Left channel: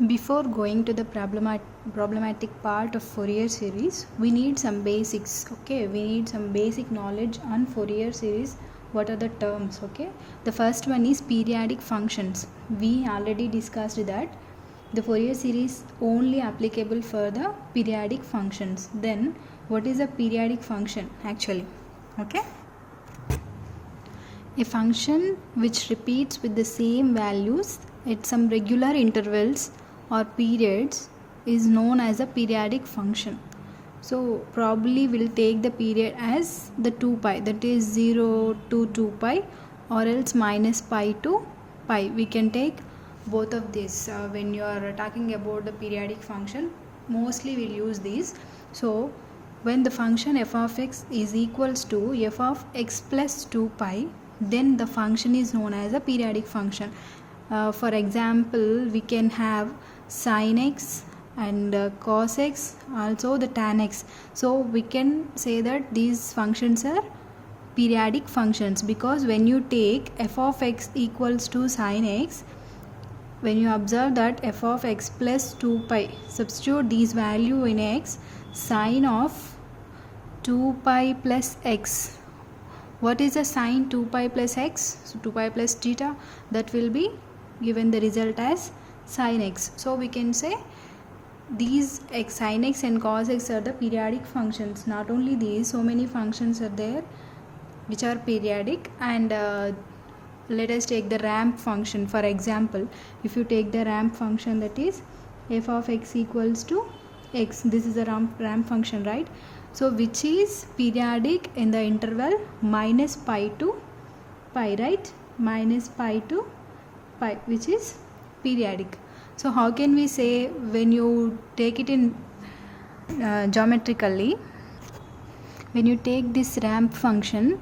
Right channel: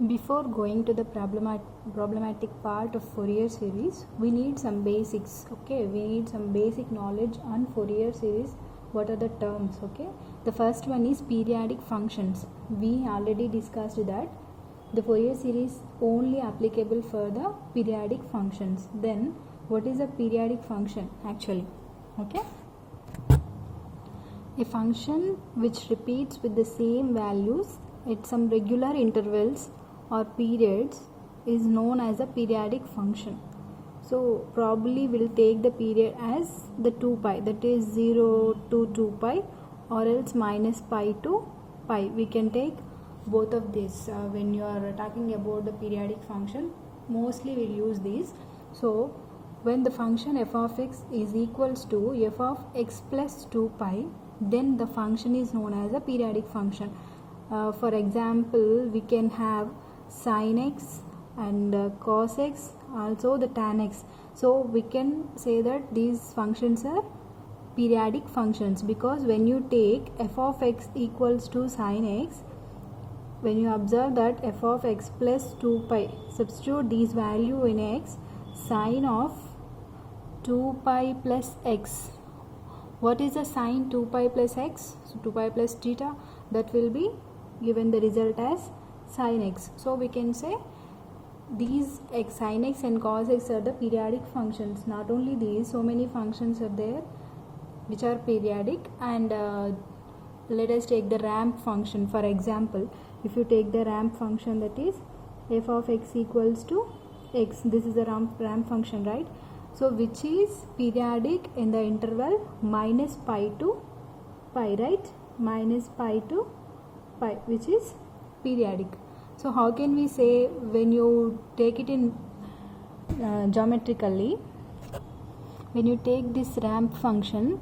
Before going to the problematic part of Fourier series, we need some basics. Okay, we need some basic knowledge on Fourier series. What are the terms? Okay, the first one is periodic functions. We already discussed that the Fourier series only applicable for the periodic functions. Then what is a periodic function actually? Okay, a function which repeats with the same values at some regular intervals or periods is known as a periodic function. So probably we'll take the period as the 2 pi, that is 0 to 2 pi, or else minus pi to pi. We can take both of these when you are talking about the periodic function. Mostly we'll use these. So when the function f of x is equals to f of x plus 2 pi, then the function is known as a periodic function. For example, we can have sin x and cos x, also the tan x. So we can say that these functions are periodic functions, because when you take f of x equals to sin x, when you observe that f of x plus 2 pi, substitute these value in x, sine of 2 pi plus x. What is the sine 2 pi plus x? So 2 pi plus theta, that will be given the result as sin x. So we can say these x, sin x and cos x are the periodic functions. Not only these, so many functions are there which are periodic. And let us take the ramp function. For example, if you take the ramp function, that is f of x equals to x, this is a ramp function, right? So which is periodic in the interval minus pi to pi, right? Minus pi to pi, which is periodic. So how can we say when you take it in geometrically, when you take this ramp function,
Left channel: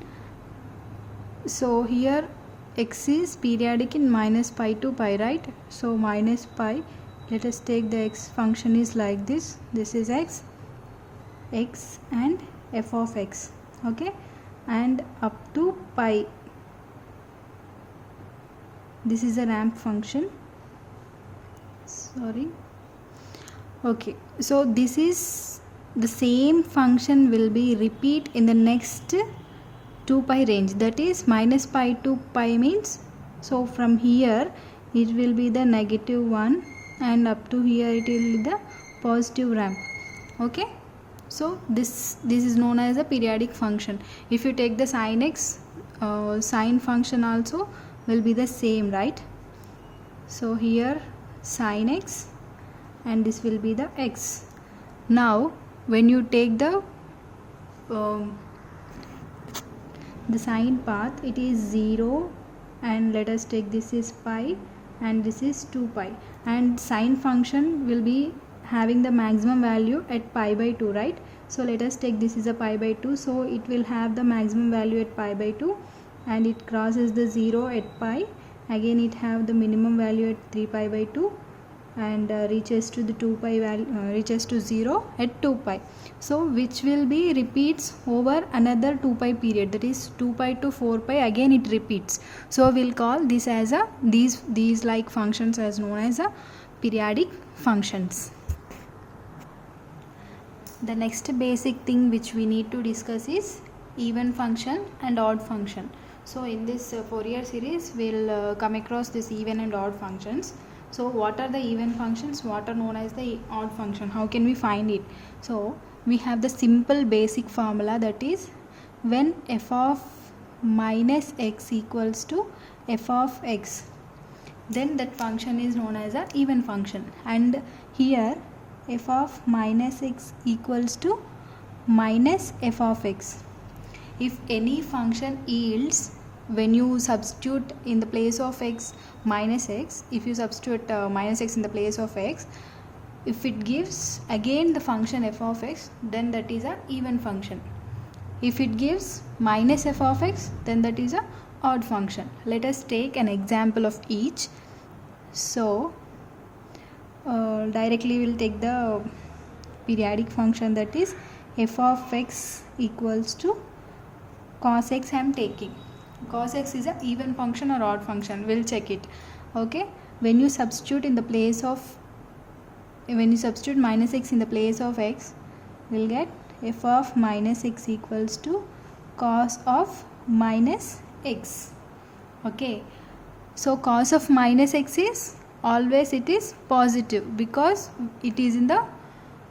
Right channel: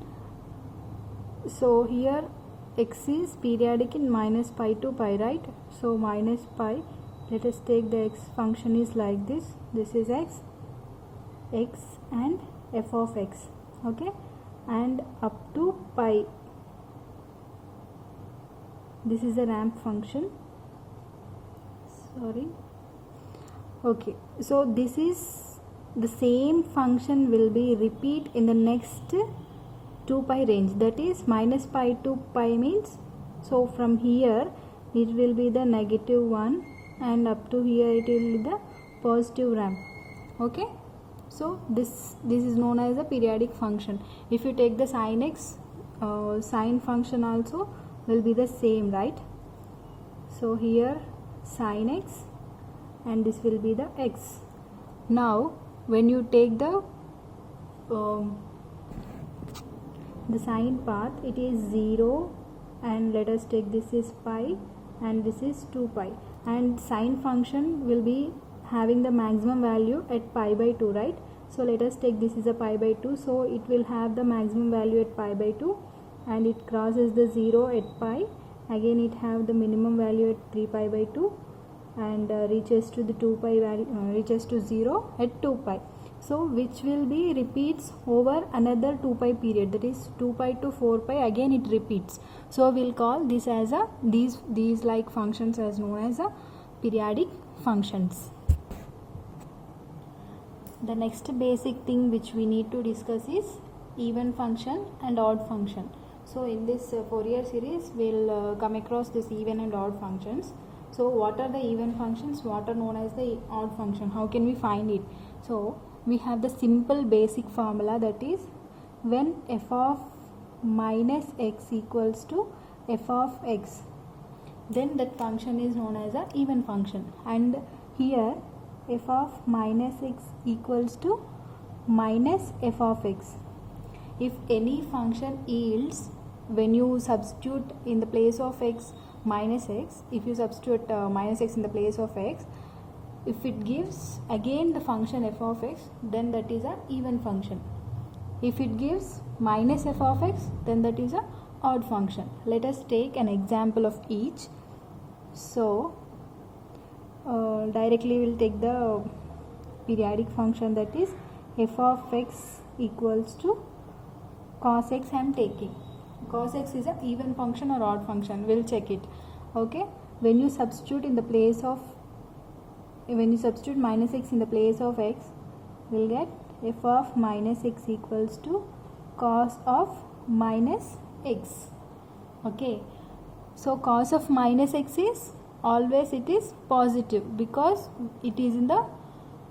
so here x is periodic in minus pi to pi, right? So minus pi, let us take the x function is like this. This is x and f of x, okay, and up to pi. This is a ramp function, sorry. Okay, so this is the same function will be repeat in the next 2 pi range, that is minus pi to pi means, so from here it will be the -1 and up to here it will be the positive ramp. Okay, so this is known as a periodic function. If you take the sin x, sine function also will be the same, right? So here sin x and this will be the x. Now when you take the sine path, it is 0, and let us take this is pi and this is 2 pi, and sine function will be having the maximum value at pi by 2, right? So let us take this is a pi by 2, so it will have the maximum value at pi by 2, and it crosses the 0 at pi, again it have the minimum value at 3 pi by 2, and reaches to the 2 pi value, reaches to 0 at 2 pi. So which will be repeats over another 2 pi period, that is 2 pi to 4 pi, again it repeats. So we'll call this as a these like functions as known as a periodic functions. The next basic thing which we need to discuss is even function and odd function. So in this Fourier series we'll come across this even and odd functions. So what are the even functions, what are known as the odd function, how can we find it? So we have the simple basic formula, that is when f of minus x equals to f of x, then that function is known as a even function. And here f of minus x equals to minus f of x. If any function yields, when you substitute in the place of x minus x, if you substitute minus x in the place of x, if it gives again the function f of x, then that is a even function. If it gives minus f of x, then that is a odd function. Let us take an example of each. So directly we will take the periodic function, that is f of x equals to cos x. I am taking cos x is a even function or odd function, we'll check it. Okay, when you substitute in the place of when you substitute minus x in the place of x, we'll get f of minus x equals to cos of minus x. Okay, so cos of minus x is always it is positive because it is in the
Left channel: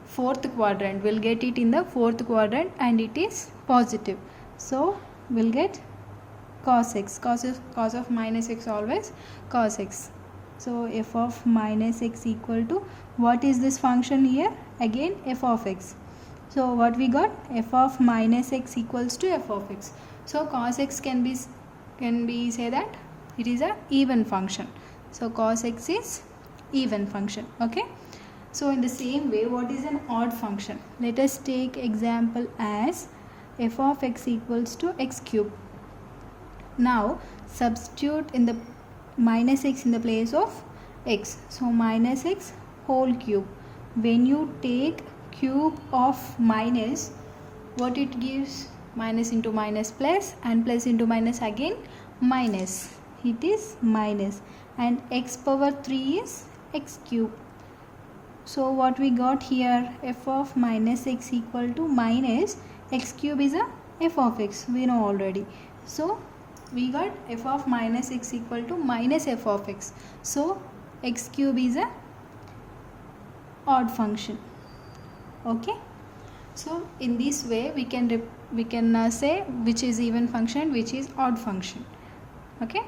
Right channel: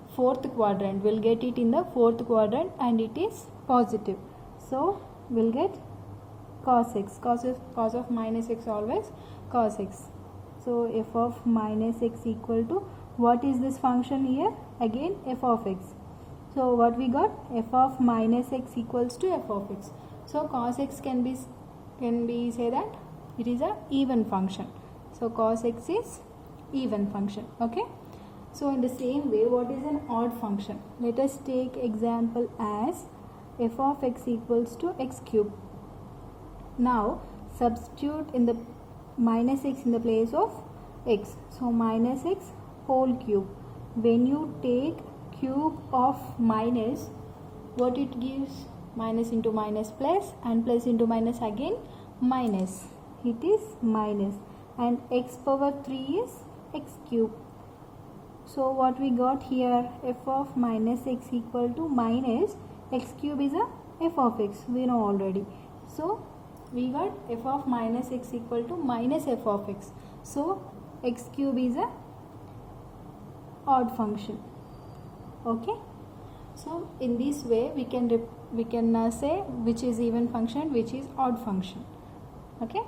fourth quadrant. We'll get it in the fourth quadrant and it is positive. So we'll get cos x. Cos of minus x always cos x. So f of minus x equal to, what is this function here? Again f of x. So what we got? F of minus x equals to f of x. So cos x can be say that it is a even function. So cos x is even function. Okay. So in the same way, what is an odd function? Let us take example as f of x equals to x cube. Now substitute in the minus x in the place of x. So minus x whole cube. When you take cube of minus, what it gives? Minus into minus plus, and plus into minus again minus. It is minus, and x power 3 is x cube. So what we got here, f of minus x equal to minus x cube is a f of x, we know already. So we got f of minus x equal to minus f of x. So x cube is a odd function. Okay, so in this way we can say which is even function, which is odd function. Okay.